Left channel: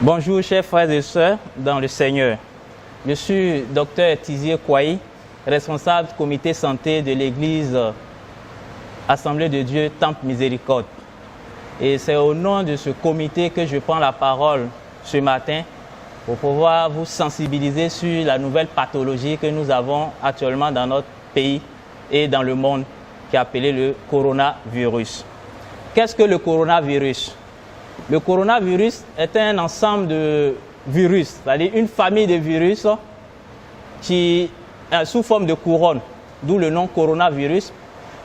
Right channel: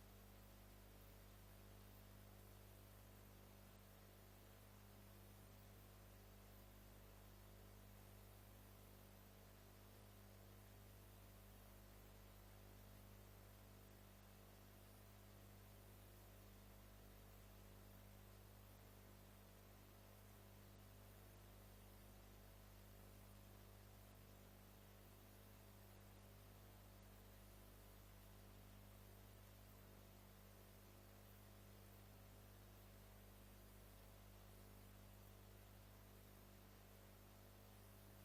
Bonjour chers frères et sœurs dans le Seigneur. Je suis Dr Tizier Kouaï, responsable du comité santé de l'église Assemblée de Dieu Temple Miséricorde. Et c'est au nom de ce comité que je prends la parole ce matin pour pouvoir vous sensibiliser sur la nouvelle pathologie que nous avons actuellement dans notre pays et dans le monde, qui est appelée le coronavirus. Qu'est-ce que le coronavirus? Le coronavirus est un ensemble de virus, c'est-à-dire une famille de virus qui est sous forme de couronne, d'où le nom coronavirus.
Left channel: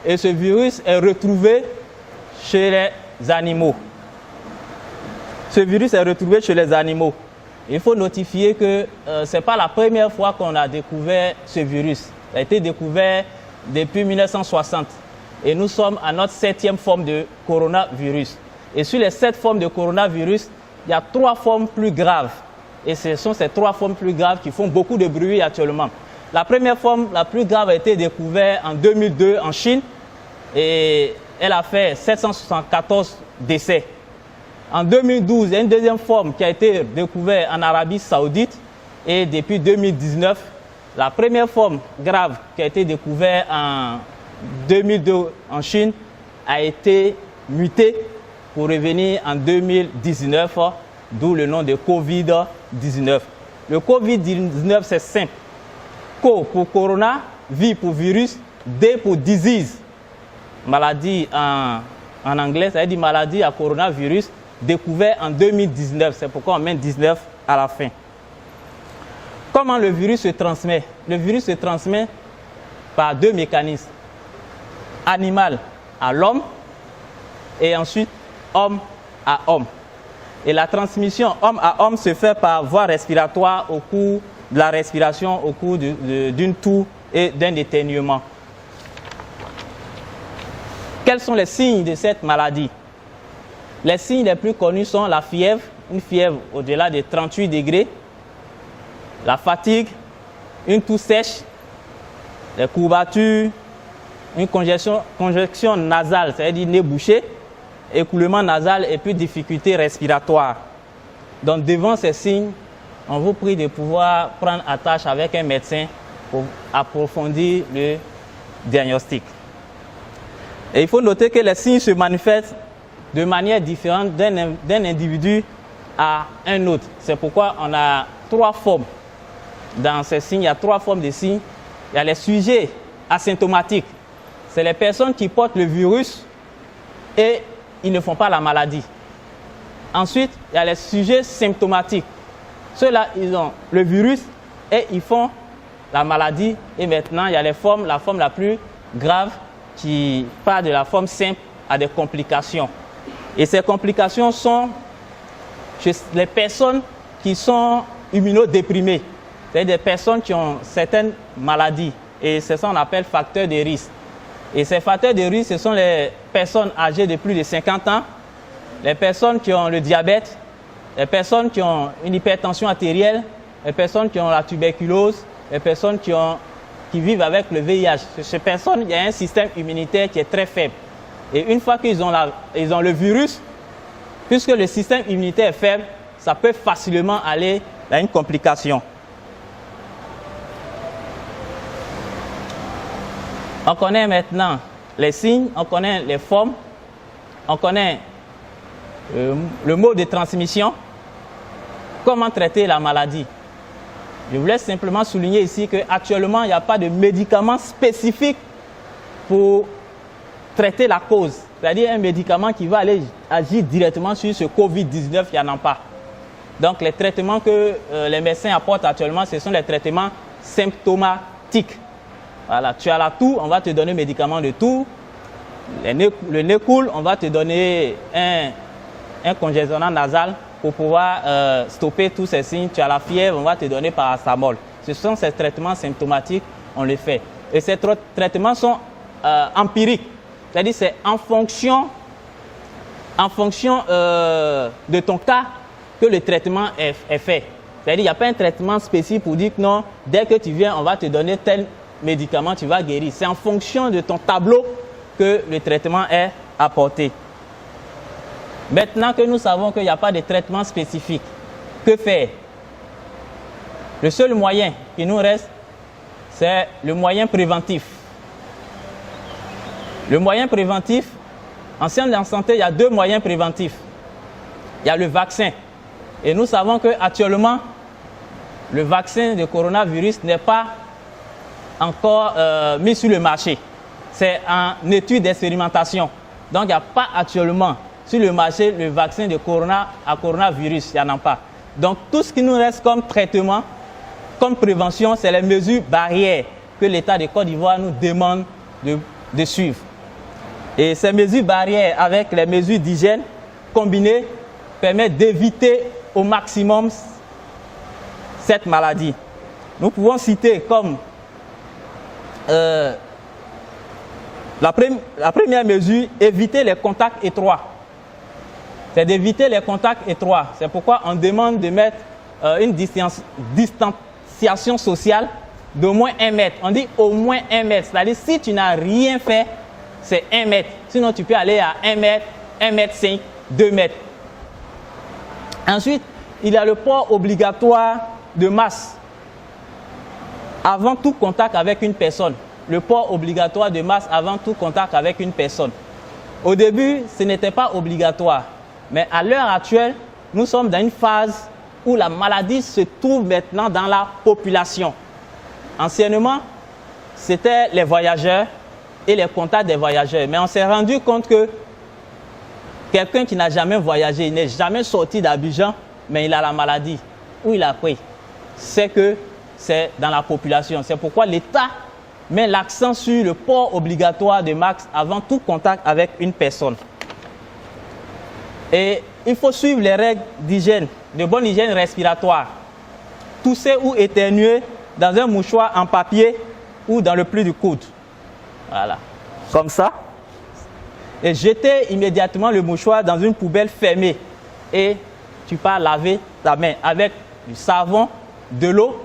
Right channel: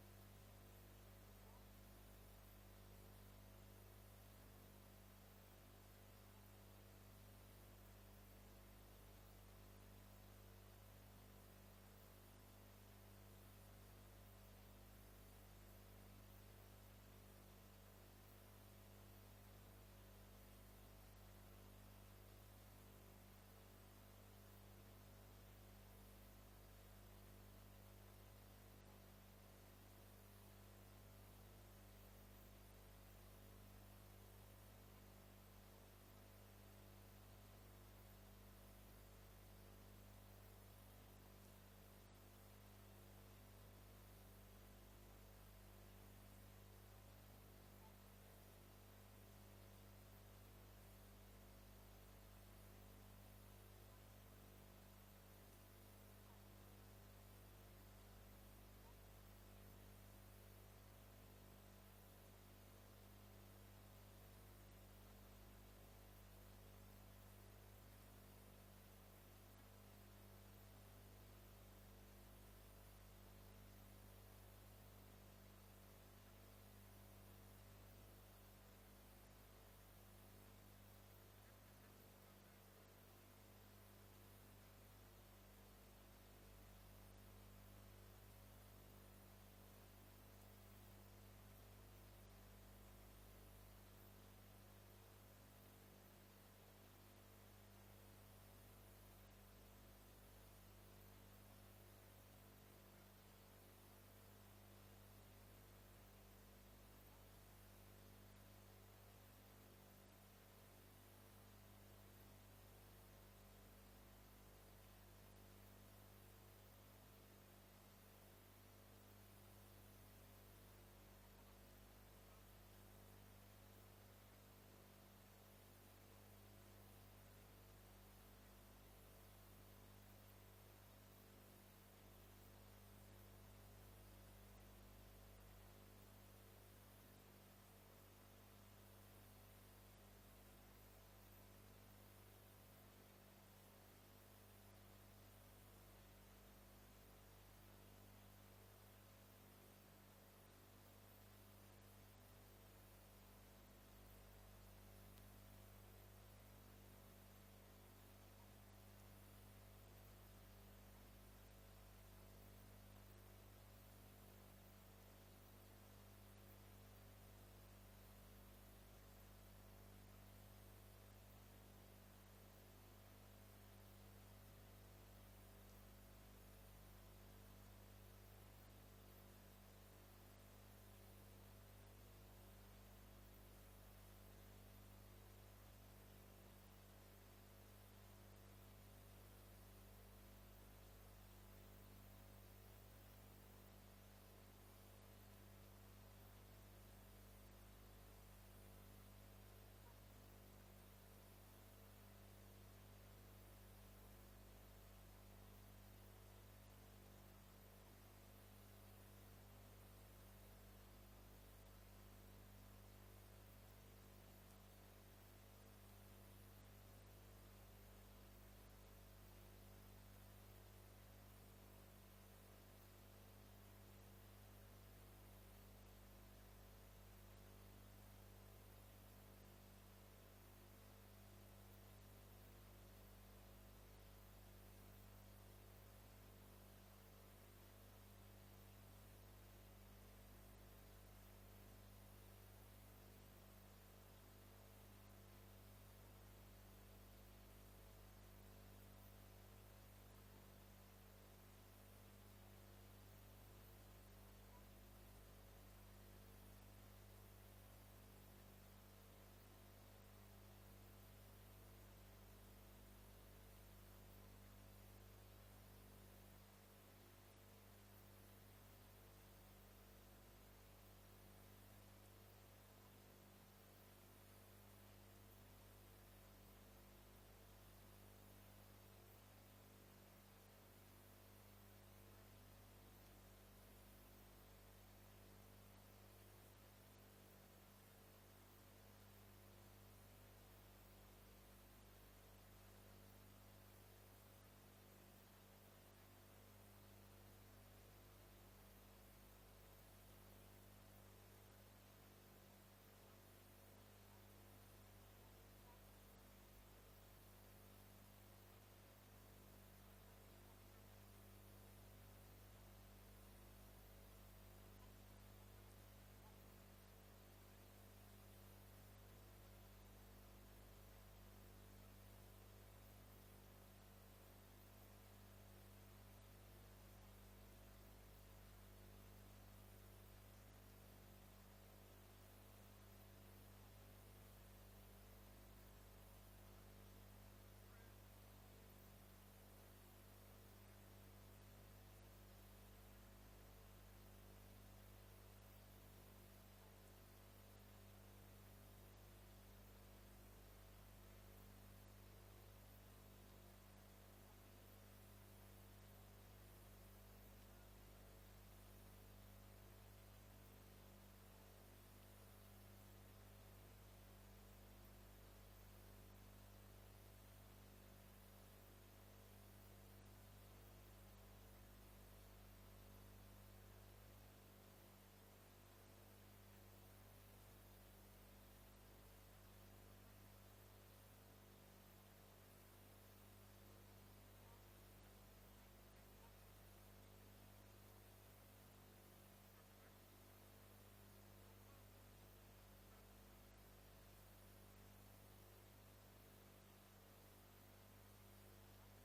Et ce virus est retrouvé chez les animaux. Ce virus est retrouvé chez les animaux. Il faut notifier que ce n'est pas la première fois qu'on a découvert ce virus. Ça a été découvert depuis 1960. Et nous sommes à notre 7e forme de coronavirus. Et sur les 7 formes de coronavirus, il y a 3 formes plus graves. Et ce sont ces 3 formes plus graves qui font beaucoup de bruit actuellement. La première forme, la plus grave, a été découverte en 2002 en Chine. Et elle a fait 774 décès. En 2012, il y a une deuxième forme qui a été découverte en Arabie Saoudite. Et depuis 2019, la première forme grave qui a été découverte en 2002 en Chine a été mutée pour revenir en 2019, d'où le nom de Covid-19. Le Covid-19, c'est simple. Co pour corona, V pour virus, D pour disease. Maladie en anglais, ça veut dire maladie à coronavirus, découvert en 2019. C'est pourquoi on met 19 à la fin. Comment le virus se transmet? Le virus se transmet par 2 mécanismes. Animal à l'homme et ensuite homme à homme. Et la transmission homme à homme se fait par voie respiratoire au cours de la respiration, au cours d'une toux et d'un éternuement. Quels sont les signes de cette maladie? Les signes les plus connus sont la fièvre, une fièvre au-delà de 38 degrés, la fatigue, une toux sèche, les courbatures, une congestion nasale, c'est-à-dire nez bouché, écoulement nasal et puis difficultés respiratoires. Donc devant ces signes, on vous prie de pouvoir prendre attache avec un médecin pour approfondir le diagnostic. Et il faut noter que les signes se manifestent de manière différente d'un individu à un autre. C'est pourquoi on a 3 formes. Dans ces signes, il y a 3 formes de signes. Il y a les sujets asymptomatiques. C'est les personnes qui portent le virus et ils ne font pas la maladie. Ensuite, il y a les sujets symptomatiques. Ceux-là, ils ont le virus et ils font la maladie. Et maintenant, il y a la forme la plus grave qui part de la forme simple à des complications. Et ces complications sont chez les personnes qui sont immunodéprimées. C'est-à-dire des personnes qui ont certaines maladies. Et c'est ça qu'on appelle facteurs de risque. Et ces facteurs de risque, ce sont les personnes âgées de plus de 50 ans, les personnes qui ont le diabète, les personnes qui ont une hypertension artérielle, les personnes qui ont la tuberculose, les personnes qui vivent avec le VIH. Chez ces personnes, il y a un système immunitaire qui est très faible. Et une fois qu'ils ont le virus, puisque le système immunitaire est faible, ça peut facilement aller à une complication. On connaît maintenant les signes, on connaît les formes, on connaît le mode de transmission, comment traiter la maladie. Je voulais simplement souligner ici qu'actuellement, il n'y a pas de médicament spécifique pour traiter la cause. C'est-à-dire un médicament qui va aller agir directement sur ce Covid-19, il n'y en a pas. Donc les traitements que les médecins apportent actuellement, ce sont les traitements symptomatiques. Voilà, tu as la toux, on va te donner un médicament de toux. Le nez coule, on va te donner un congestionnant nasal pour pouvoir stopper tous ces signes. Tu as la fièvre, on va te donner paracétamol. Ce sont ces traitements symptomatiques, on les fait. Et ces traitements sont empiriques. C'est-à-dire c'est en fonction de ton cas que le traitement est fait. C'est-à-dire qu'il n'y a pas un traitement spécifique pour dire que non, dès que tu viens, on va te donner tel médicament, tu vas guérir. C'est en fonction de ton tableau que le traitement est apporté. Maintenant que nous savons qu'il n'y a pas de traitement spécifique, que faire? Le seul moyen qui nous reste, c'est le moyen préventif. Le moyen préventif, en sciences de la santé, il y a deux moyens préventifs. Il y a le vaccin. Et nous savons qu'actuellement, le vaccin de coronavirus n'est pas encore mis sur le marché. C'est en étude d'expérimentation. Donc, il n'y a pas actuellement sur le marché le vaccin de coronavirus. Il n'y en a pas. Donc, tout ce qui nous reste comme traitement, comme prévention, c'est les mesures barrières que l'État de Côte d'Ivoire nous demande de suivre. Et ces mesures barrières avec les mesures d'hygiène combinées permettent d'éviter au maximum cette maladie. Nous pouvons citer comme la première mesure, éviter les contacts étroits. C'est d'éviter les contacts étroits. C'est pourquoi on demande de mettre une distanciation sociale d'au moins 1 mètre. On dit au moins 1 mètre. C'est-à-dire si tu n'as rien fait, c'est 1 mètre. Sinon, tu peux aller à 1 mètre, 1 mètre 5, 2 mètres. Ensuite, il y a le port obligatoire de masque avant tout contact avec une personne. Le port obligatoire de masque avant tout contact avec une personne. Au début, ce n'était pas obligatoire. Mais à l'heure actuelle, nous sommes dans une phase où la maladie se trouve maintenant dans la population. Anciennement, c'était les voyageurs et les contacts des voyageurs. Mais on s'est rendu compte que quelqu'un qui n'a jamais voyagé, il n'est jamais sorti d'Abidjan, mais il a la maladie, ou il a pris, c'est que c'est dans la population. C'est pourquoi l'État met l'accent sur le port obligatoire de masque avant tout contact avec une personne. Et il faut suivre les règles d'hygiène, de bonne hygiène respiratoire. Tousser ou éternuer dans un mouchoir en papier ou dans le pli du coude. Voilà, comme ça. Et jeter immédiatement le mouchoir dans une poubelle fermée. Et tu pars laver ta main avec du savon, de l'eau,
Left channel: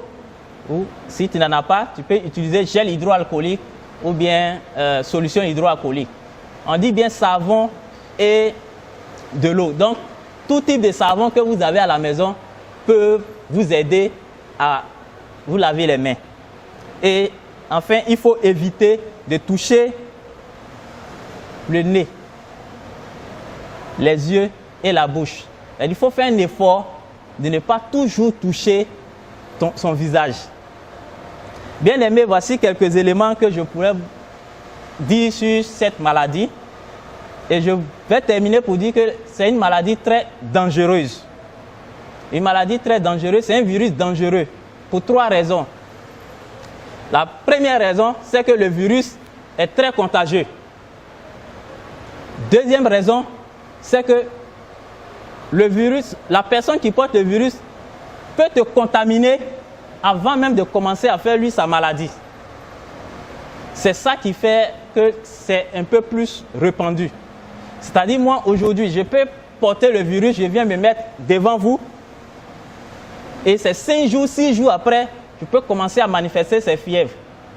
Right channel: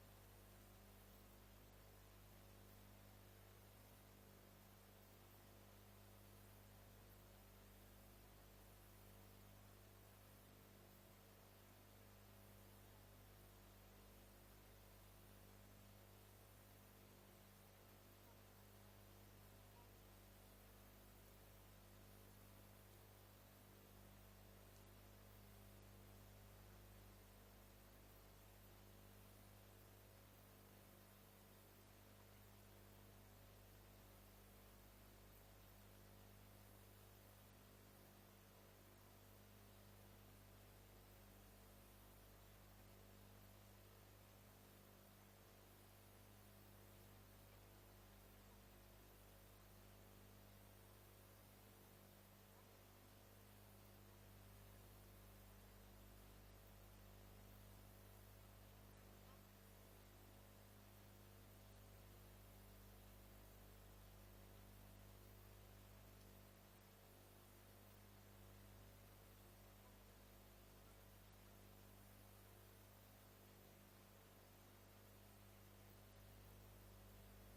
ou si tu n'en as pas, tu peux utiliser gel hydroalcoolique ou bien solution hydroalcoolique. On dit bien savon et de l'eau. Donc, tout type de savon que vous avez à la maison peut vous aider à vous laver les mains. Et enfin, il faut éviter de toucher le nez, les yeux et la bouche. Il faut faire un effort de ne pas toujours toucher son visage. Bien aimé, voici quelques éléments que je pourrais dire sur cette maladie. Et je vais terminer pour dire que c'est une maladie très dangereuse. Une maladie très dangereuse, c'est un virus dangereux pour 3 raisons. La première raison, c'est que le virus est très contagieux. Deuxième raison, c'est que le virus, la personne qui porte le virus peut te contaminer avant même de commencer à faire lui sa maladie. C'est ça qui fait que c'est un peu plus répandu. C'est-à-dire moi aujourd'hui, je peux porter le virus, je viens me mettre devant vous et c'est 5 jours, 6 jours après, je peux commencer à manifester ces fièvres.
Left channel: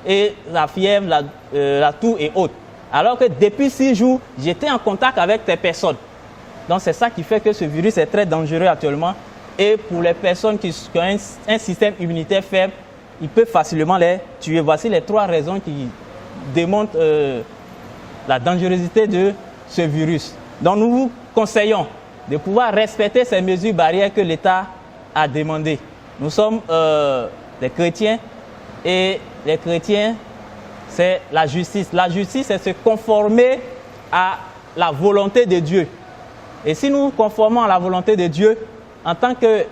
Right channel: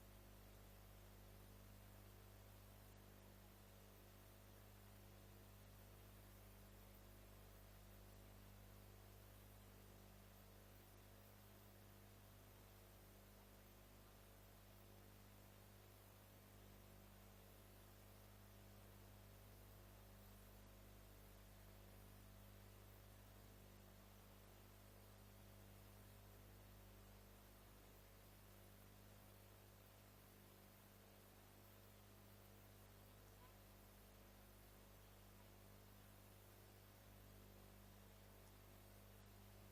Et la fièvre, la toux et autres. Alors que depuis 6 jours, j'étais en contact avec ces personnes. Donc c'est ça qui fait que ce virus est très dangereux actuellement. Et pour les personnes qui ont un système immunitaire faible, il peut facilement les tuer. Voici les 3 raisons qui démontrent la dangerosité de ce virus. Donc nous vous conseillons de pouvoir respecter ces mesures barrières que l'État a demandées. Nous sommes des chrétiens et les chrétiens, c'est la justice. La justice, c'est se conformer à la volonté de Dieu. Et si nous nous conformons à la volonté de Dieu, en tant que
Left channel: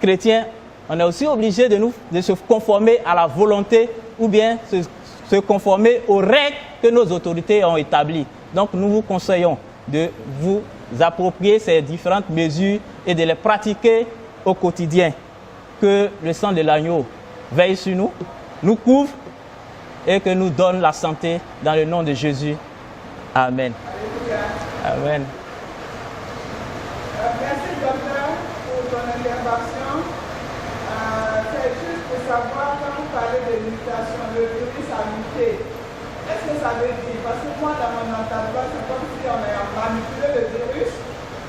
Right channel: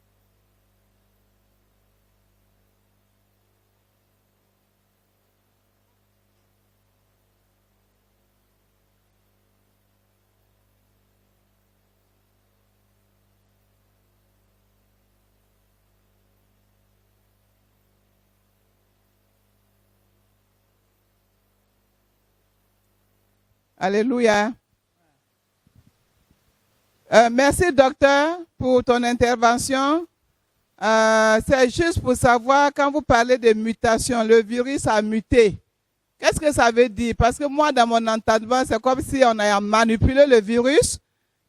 chrétiens, on est aussi obligé de se conformer à la volonté ou bien se conformer aux règles que nos autorités ont établies. Donc nous vous conseillons de vous approprier ces différentes mesures et de les pratiquer au quotidien. Que le sang de l'agneau veille sur nous, nous couvre et que nous donne la santé dans le nom de Jésus. Amen. Alléluia. Amen. Merci docteur pour ton intervention. C'est juste pour savoir, quand vous parlez de mutation, le virus a muté. Est-ce que ça veut dire, parce que moi dans mon entendement, c'est comme si on a manipulé le virus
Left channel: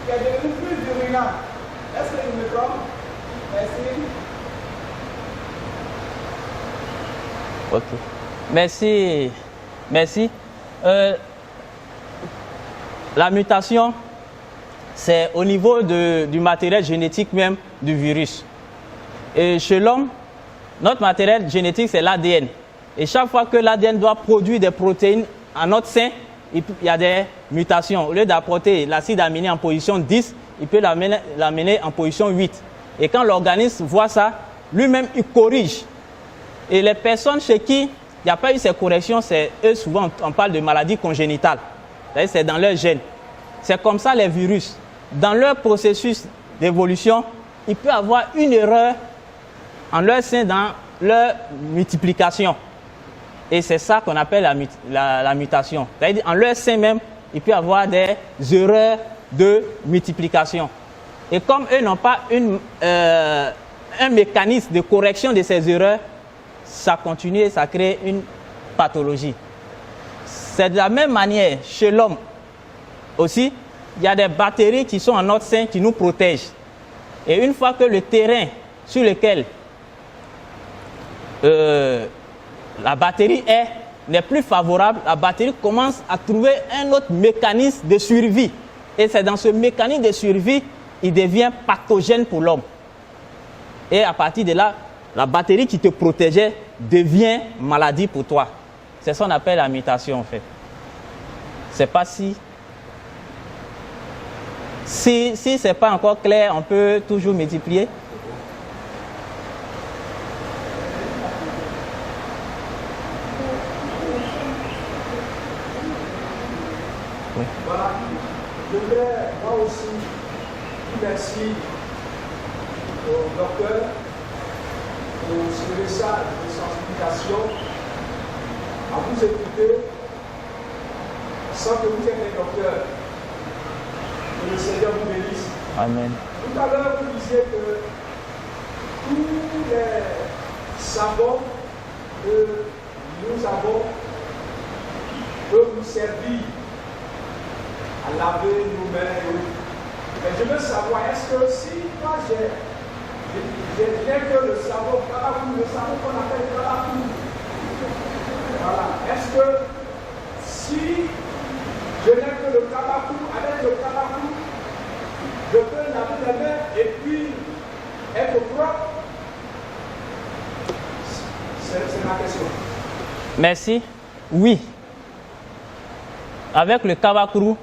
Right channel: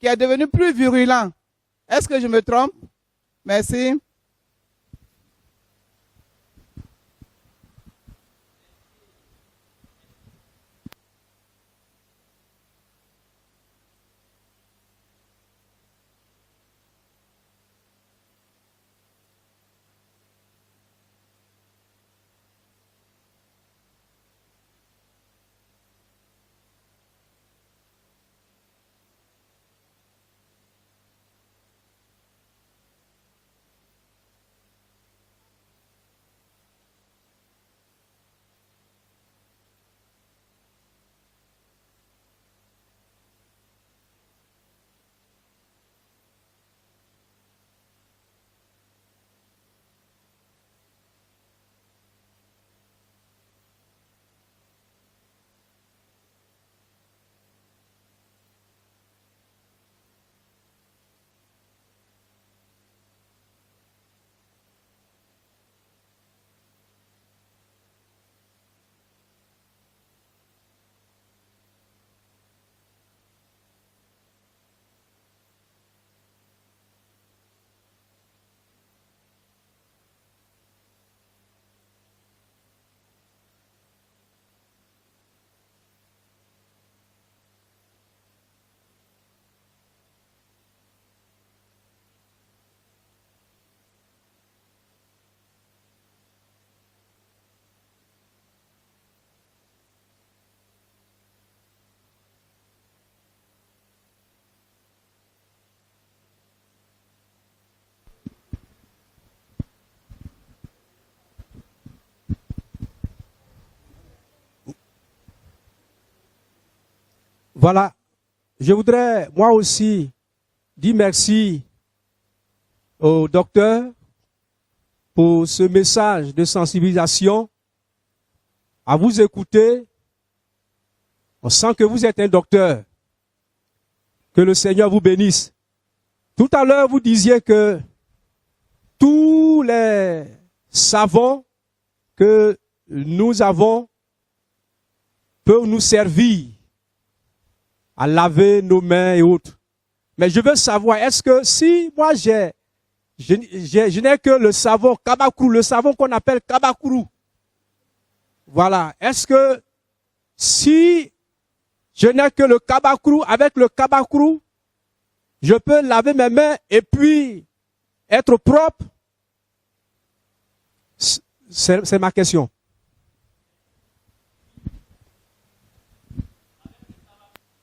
qui est devenu plus virulent. Est-ce que je me trompe? Merci. Ok. Merci. Merci. La mutation, c'est au niveau du matériel génétique même du virus. Et chez l'homme, notre matériel génétique, c'est l'ADN. Et chaque fois que l'ADN doit produire des protéines en notre sein, il y a des mutations. Au lieu d'apporter l'acide aminé en position 10, il peut l'amener en position 8. Et quand l'organisme voit ça, lui-même, il corrige. Et les personnes chez qui il n'y a pas eu ces corrections, c'est eux, souvent, on parle de maladies congénitales. C'est dans leur gène. C'est comme ça les virus. Dans leur processus d'évolution, il peut y avoir une erreur en leur sein dans leur multiplication. Et c'est ça qu'on appelle la mutation. C'est-à-dire en leur sein même, il peut y avoir des erreurs de multiplication. Et comme eux n'ont pas un mécanisme de correction de ces erreurs, ça continue et ça crée une pathologie. C'est de la même manière chez l'homme aussi, il y a des bactéries qui sont en notre sein qui nous protègent. Et une fois que le terrain sur lequel la bactérie n'est plus favorable, la bactérie commence à trouver un autre mécanisme de survie. Et c'est dans ce mécanisme de survie qu'il devient pathogène pour l'homme. Et à partir de là, la bactérie qui te protégeait devient maladie pour toi. C'est ça qu'on appelle la mutation en fait. C'est pas si ce n'est pas encore clair, on peut toujours multiplier. Oui. Voilà, je voudrais moi aussi dire merci au docteur pour ce message de sensibilisation. À vous écouter, on sent que vous êtes un docteur. Que le Seigneur vous bénisse. Amen. Tout à l'heure, vous disiez que tous les savons que nous avons peuvent nous servir à laver nos mains et autres. Mais je veux savoir, est-ce que si moi je n'ai que le savon Kabakrou, le savon qu'on appelle Kabakrou, voilà, est-ce que si je n'ai que le Kabakrou, avec le Kabakrou, je peux laver mes mains et puis être propre? C'est ma question. Merci. Oui. Avec le Kabakrou,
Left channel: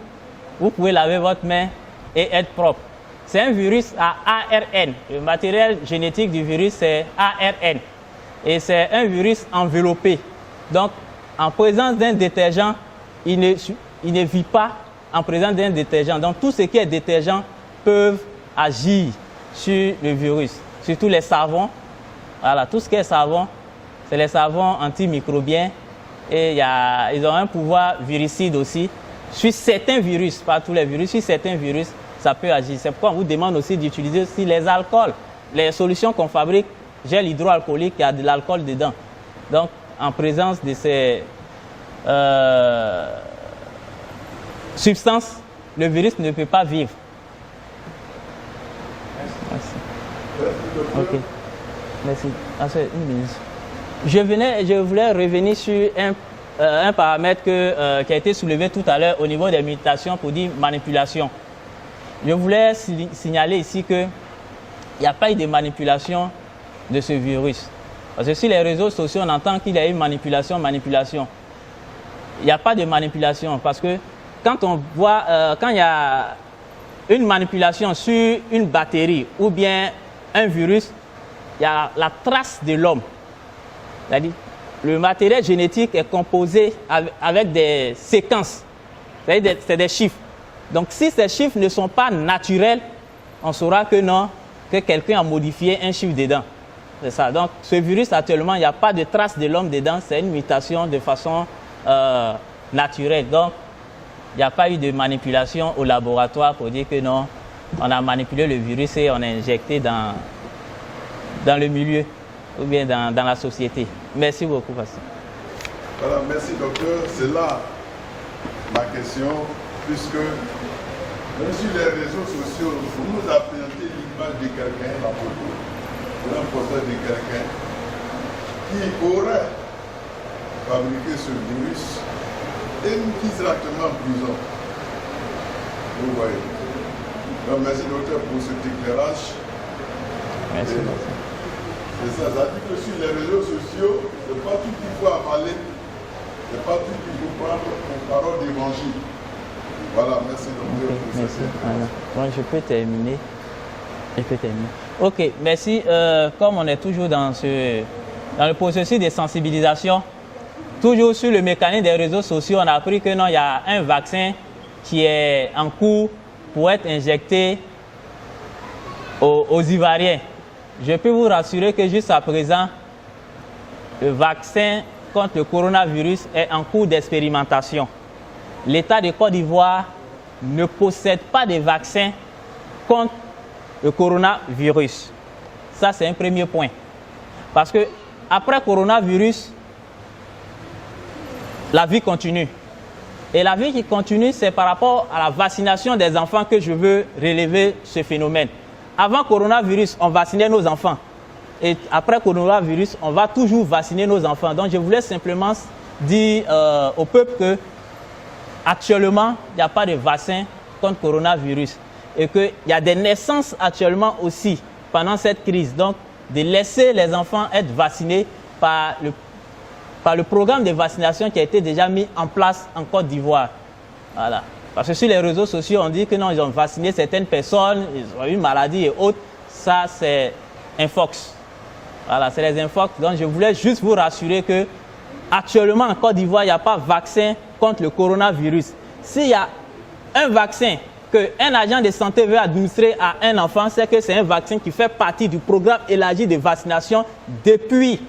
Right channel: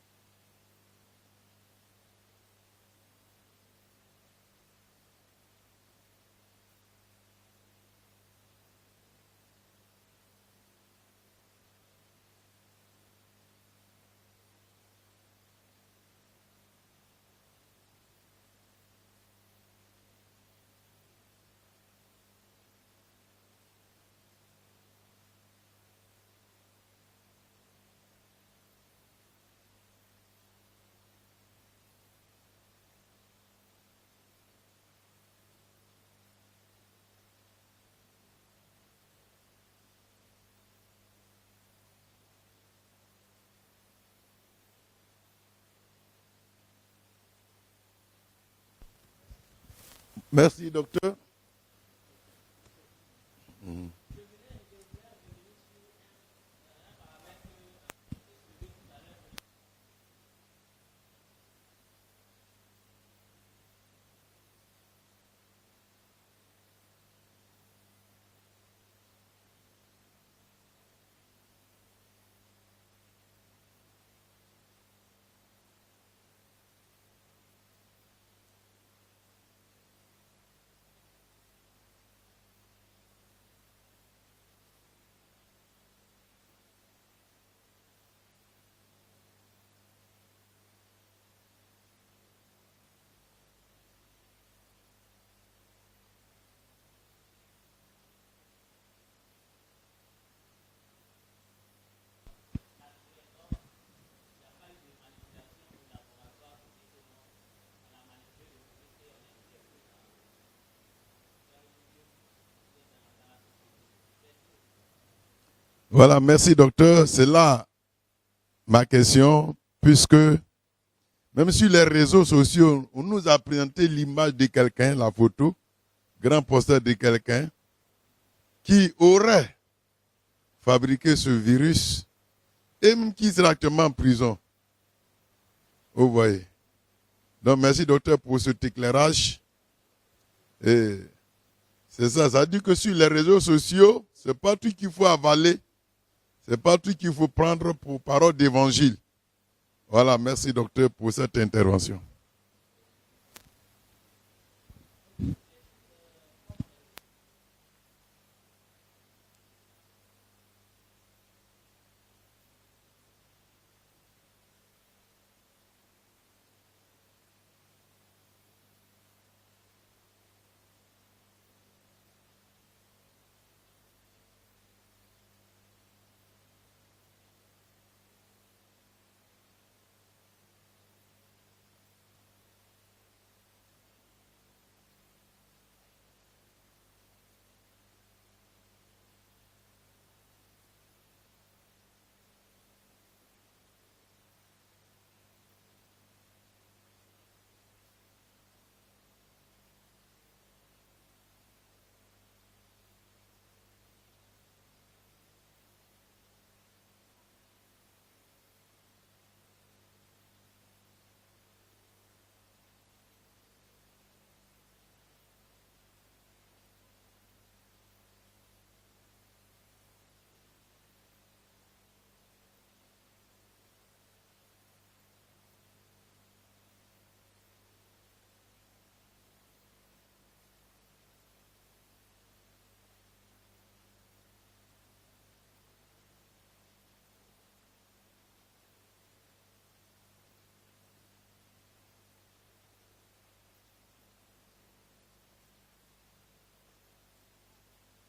vous pouvez laver votre main et être propre. C'est un virus à ARN. Le matériel génétique du virus, c'est ARN. Et c'est un virus enveloppé. Donc, en présence d'un détergent, il ne vit pas en présence d'un détergent. Donc, tout ce qui est détergent peuvent agir sur le virus. Surtout les savons. Voilà, tout ce qui est savon, c'est les savons antimicrobiens. Et ils ont un pouvoir viricide aussi. Sur certains virus, pas tous les virus, sur certains virus, ça peut agir. C'est pourquoi on vous demande aussi d'utiliser aussi les alcools. Les solutions qu'on fabrique, gel hydroalcoolique, il y a de l'alcool dedans. Donc, en présence de ces substances, le virus ne peut pas vivre. Merci. Merci, docteur. Okay. Merci. Une minute. Je voulais revenir sur un paramètre qui a été soulevé tout à l'heure au niveau des mutations pour dire manipulation. Je voulais signaler ici qu'il n'y a pas eu de manipulation de ce virus. Parce que sur les réseaux sociaux, on entend qu'il y a eu manipulation. Il n'y a pas de manipulation parce que quand on voit, quand il y a une manipulation sur une bactérie ou bien un virus, il y a la trace de l'homme. C'est-à-dire, le matériel génétique est composé avec des séquences, c'est-à-dire c'est des chiffres. Donc si ces chiffres ne sont pas naturels, on saura que non, que quelqu'un a modifié un chiffre dedans. C'est ça. Donc ce virus actuellement, il n'y a pas de trace de l'homme dedans, c'est une mutation de façon naturelle. Donc il n'y a pas eu de manipulation au laboratoire pour dire que non, on a manipulé le virus et on a injecté dans le milieu ou bien dans la société. Merci beaucoup, pasteur. Voilà, merci docteur. C'est là ma question, puisque Même sur les réseaux sociaux, vous nous a présenté l'image de quelqu'un, la photo, grand poster de quelqu'un qui aurait fabriqué ce virus et qui sera actuellement en prison. Vous voyez. Donc merci docteur pour cet éclairage. Merci. C'est ça, ça dit que sur les réseaux sociaux, c'est pas tout qu'il faut avaler, c'est pas tout qu'il faut prendre pour parole d'évangile. Voilà, merci docteur pour cette intervention. Voilà. Bon, je peux terminer. Ok, merci. Comme on est toujours dans le processus de sensibilisation, toujours sur le mécanisme des réseaux sociaux, on a appris que non, il y a un vaccin qui est en cours pour être injecté aux Ivoiriens. Je peux vous rassurer que jusqu'à présent, le vaccin contre le coronavirus est en cours d'expérimentation. L'État de Côte d'Ivoire ne possède pas de vaccin contre le coronavirus. Ça, c'est un premier point. Parce que après coronavirus, la vie continue. Et la vie qui continue, c'est par rapport à la vaccination des enfants que je veux relever ce phénomène. Avant coronavirus, on vaccinait nos enfants. Et après coronavirus, on va toujours vacciner nos enfants. Donc, je voulais simplement dire au peuple que actuellement, il n'y a pas de vaccin contre coronavirus. Et qu'il y a des naissances actuellement aussi pendant cette crise. Donc, de laisser les enfants être vaccinés par le programme de vaccination qui a été déjà mis en place en Côte d'Ivoire. Voilà. Parce que sur les réseaux sociaux, on dit que non, ils ont vacciné certaines personnes, ils ont eu une maladie et autres. Ça, c'est un fox. Voilà, c'est les infox. Donc, je voulais juste vous rassurer que actuellement en Côte d'Ivoire, il n'y a pas de vaccin contre le coronavirus. S'il y a un vaccin qu'un agent de santé veut administrer à un enfant, c'est que c'est un vaccin qui fait partie du programme élargi de vaccination depuis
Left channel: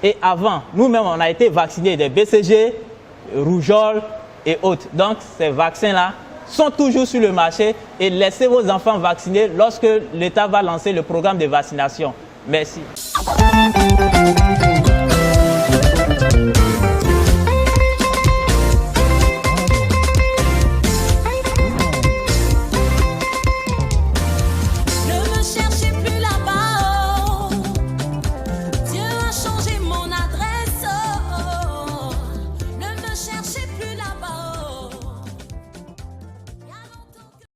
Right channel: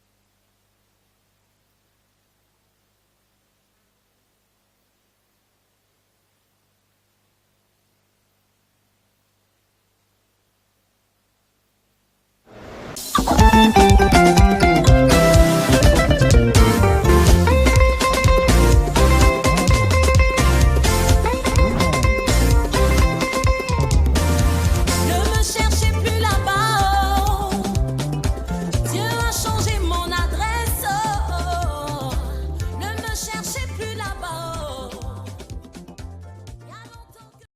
et avant. Nous-mêmes, on a été vaccinés des BCG, rougeole et autres. Donc, ces vaccins-là sont toujours sur le marché et laissez vos enfants vacciner lorsque l'État va lancer le programme de vaccination. Merci.